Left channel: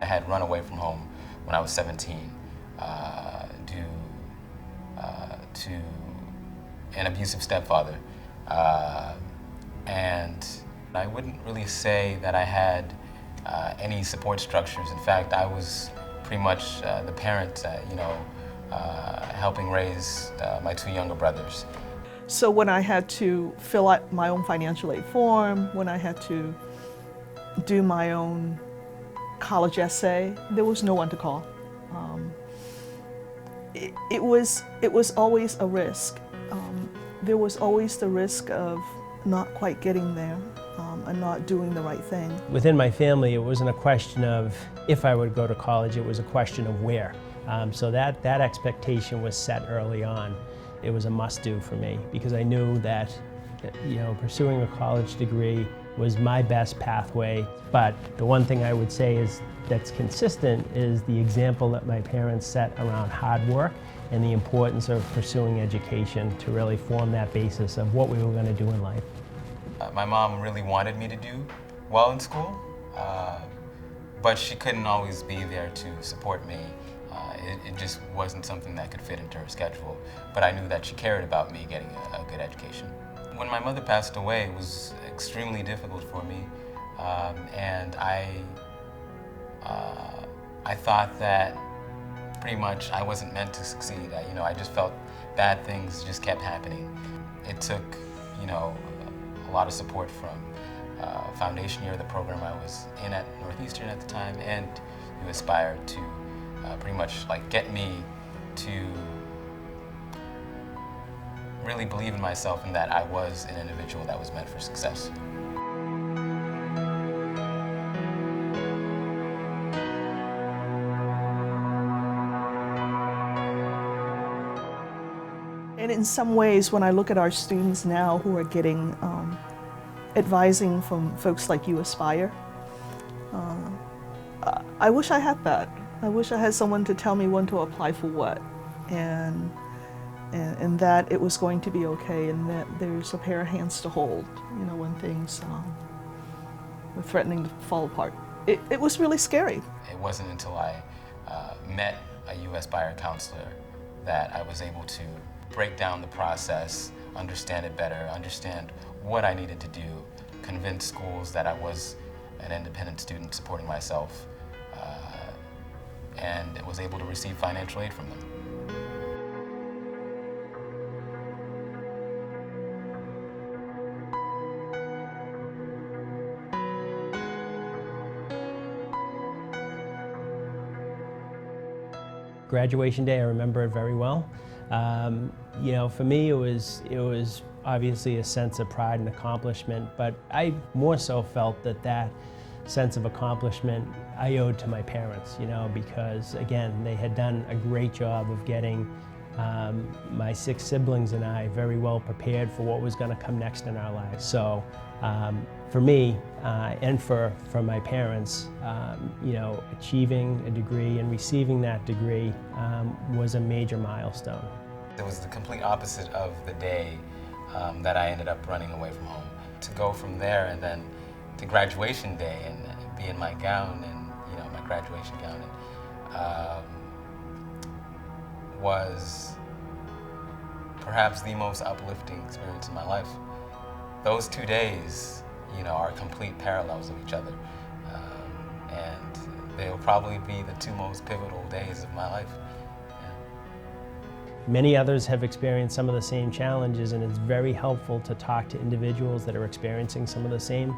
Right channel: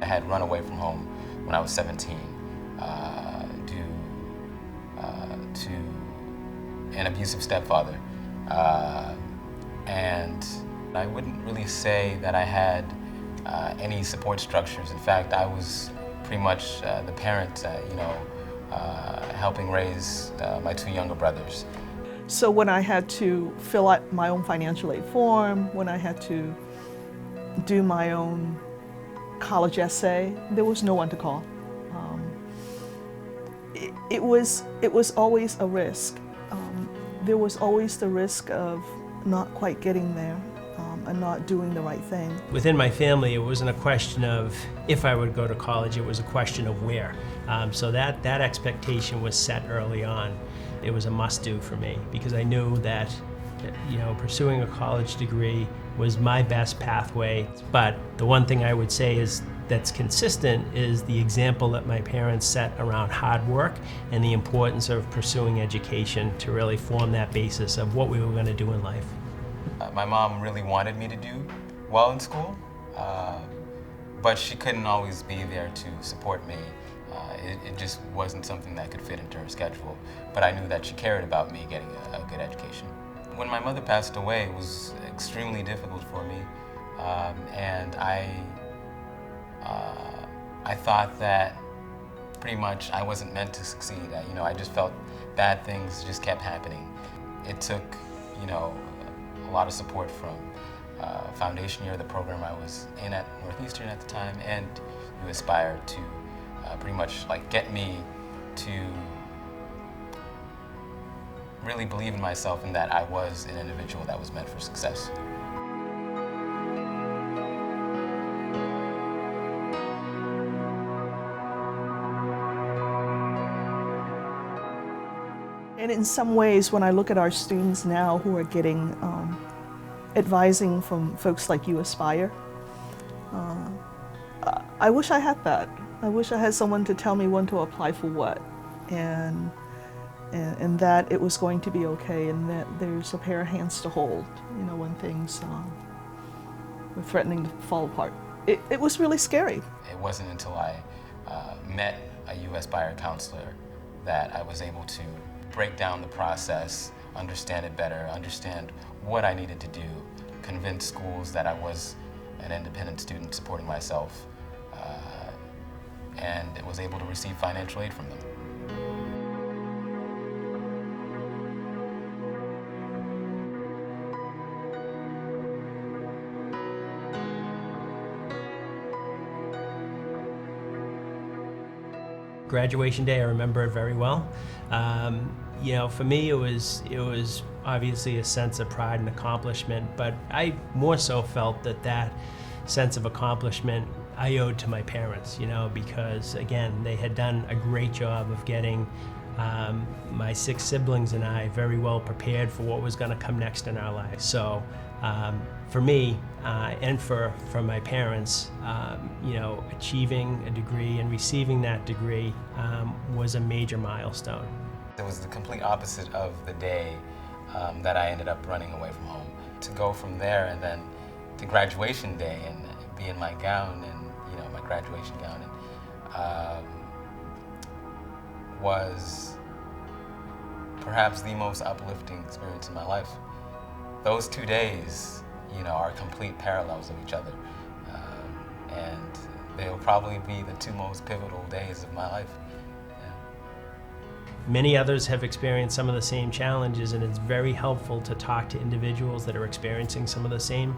I had run away from home when I was 17 due to an abusive stepfather. And I wouldn't really say that I had any support structures. In fact, I was pretty much the parent, helping raise my two younger brothers. So when I had to fill out my own financial aid form, when I had to do my own college essay, there was no one to call. It was always a risk. There was always the risk of not quite getting there and not doing the right thing. Within my family, it wasn't a question of if I would go to college, it was a question of where. So that expectation was set early on. It was a must-do for me because I knew that pursuing a college degree was my best pathway. But the one thing I would say is that's consistent is the example that my parents set around hard work and the importance of pursuing education to really form that basis of what we were going to do in life. My mom really wanted me to do well in school, but she couldn't always be there to support me. It just wasn't something that could fit into her schedule, but I knew that she cared about me getting a good education. When my mother passed away, it was extremely difficult for me, and I thought that pretty much I wasn't meant to succeed. I just felt bad things just kept happening. It took, a lot of support from foundation year, the program I was in at Northeastern at the time, and U Aspire to pretty much get me to really believe in myself and that I was an individual that was meant for success. And in some ways, when I look at our students now who are getting advising from folks like U Aspire, I wish I had that. I wish I had someone to tell me when to apply for what, and that it was going to be okay, and that there's a pair of hands to hold, when things were threatening to fall apart. It was really scary. It wasn't until I met a U Aspire counselor that I was able to break down the process, understand it better, understand what I needed to do, convince schools that I was an independent student supporting myself, and was able to receive financial aid from them. Graduation day, I remember it very well. For me, it was obviously a sense of pride and accomplishment, but I more so felt that sense of accomplishment I owed to my parents, because again, they had done a great job of getting my 6 siblings and I very well prepared for what was going to come next in our lives. So for me and for my parents, achieving a degree and receiving that degree was a major milestone. It was the complete opposite of the day that I ended up running away from home. To go from there and then to graduation day and be in my gown and my graduation gown was perhaps the most uplifting experience in my life. Those 2 days, are complete parallels of each other, and they'll probably be the 2 most pivotal days of my life. Many others have experienced some of the same challenges, and it's very helpful to talk to individuals that are experiencing some of the same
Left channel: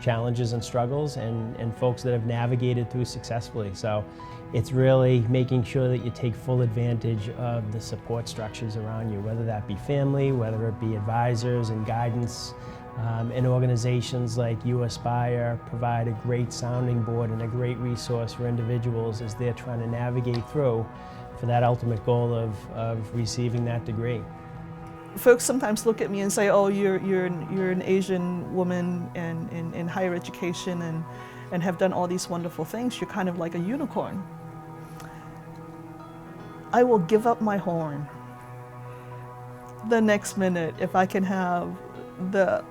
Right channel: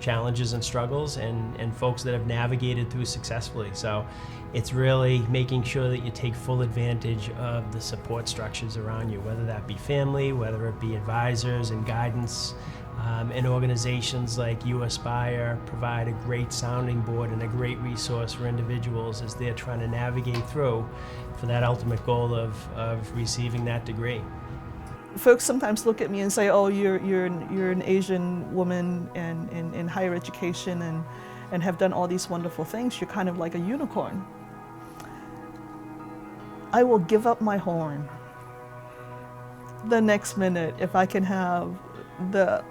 challenges and struggles and folks that have navigated through successfully. So it's really making sure that you take full advantage of the support structures around you, whether that be family, whether it be advisors and guidance, and organizations like U Aspire provide a great sounding board and a great resource for individuals as they're trying to navigate through for that ultimate goal of receiving that degree. Folks sometimes look at me and say, "Oh, you're an Asian woman and in higher education and have done all these wonderful things. You're kind of like a unicorn." I will give up my horn the next minute if I can have the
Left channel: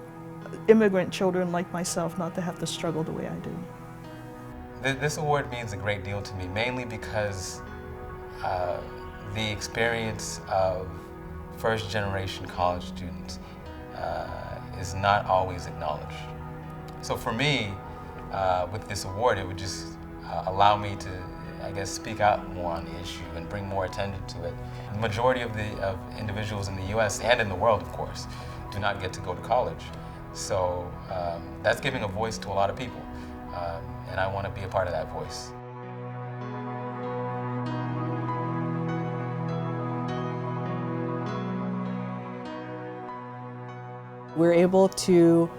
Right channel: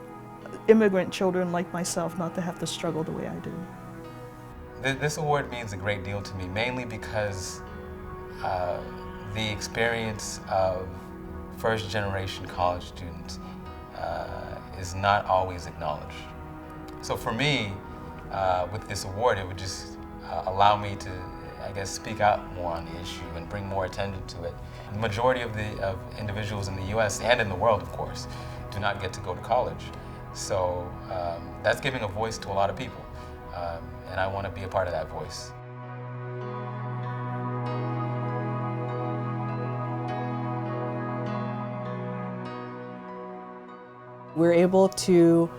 immigrant children like myself not to have to struggle the way I do. This award means a great deal to me, mainly because the experience of first-generation college students is not always acknowledged. So for me, with this award, it would just allow me to, I guess, speak out more on the issue and bring more attention to it. The majority of individuals in the U.S. and in the world, of course, do not get to go to college. So that's giving a voice to a lot of people, and I want to be a part of that voice. We're able to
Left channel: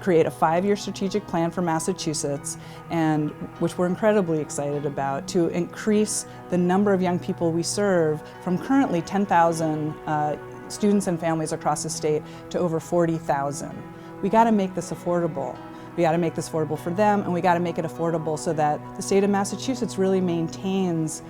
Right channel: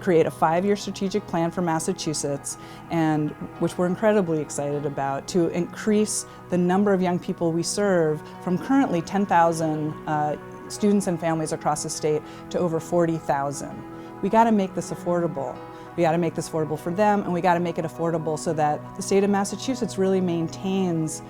create a 5-year strategic plan for Massachusetts, and which we're incredibly excited about, to increase the number of young people we serve from currently 10,000 students and families across the state to over 40,000. We got to make this affordable. We got to make this affordable for them, and we got to make it affordable so that the state of Massachusetts really maintains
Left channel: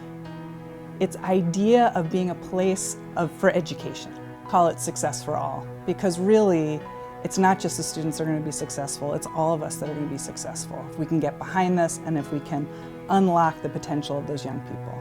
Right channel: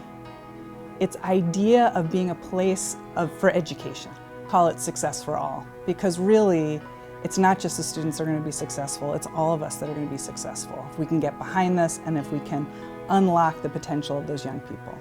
its idea of being a place for education. Call it Success for All, because really it's not just the students that are going to be successful, it's all of us that are going to be successful if we can get behind this and if we can unlock the potential of those young people.